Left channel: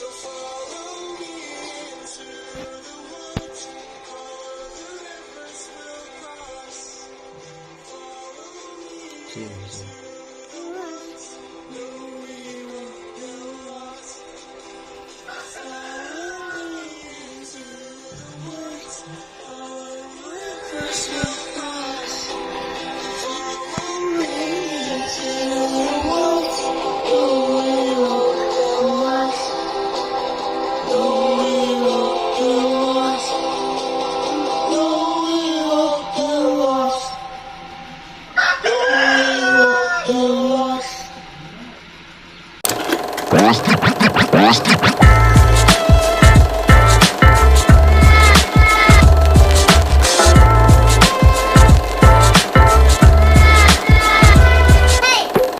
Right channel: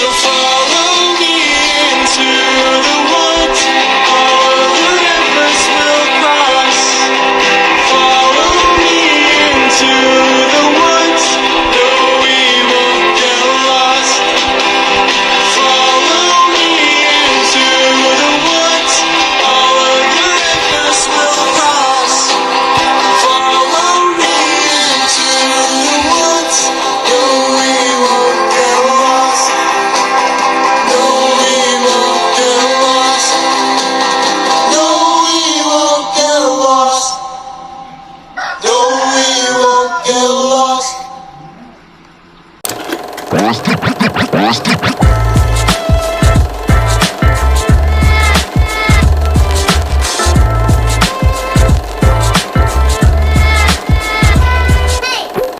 So follow me into the woods, all the rivers will cross. Follow me into the woods, no, we won't get lost. Follow me into the woods, all of the rivers will cross. Follow me into the woods, no, we won't get lost. No, we won't get lost. No, we won't get lost. No, we won't get lost.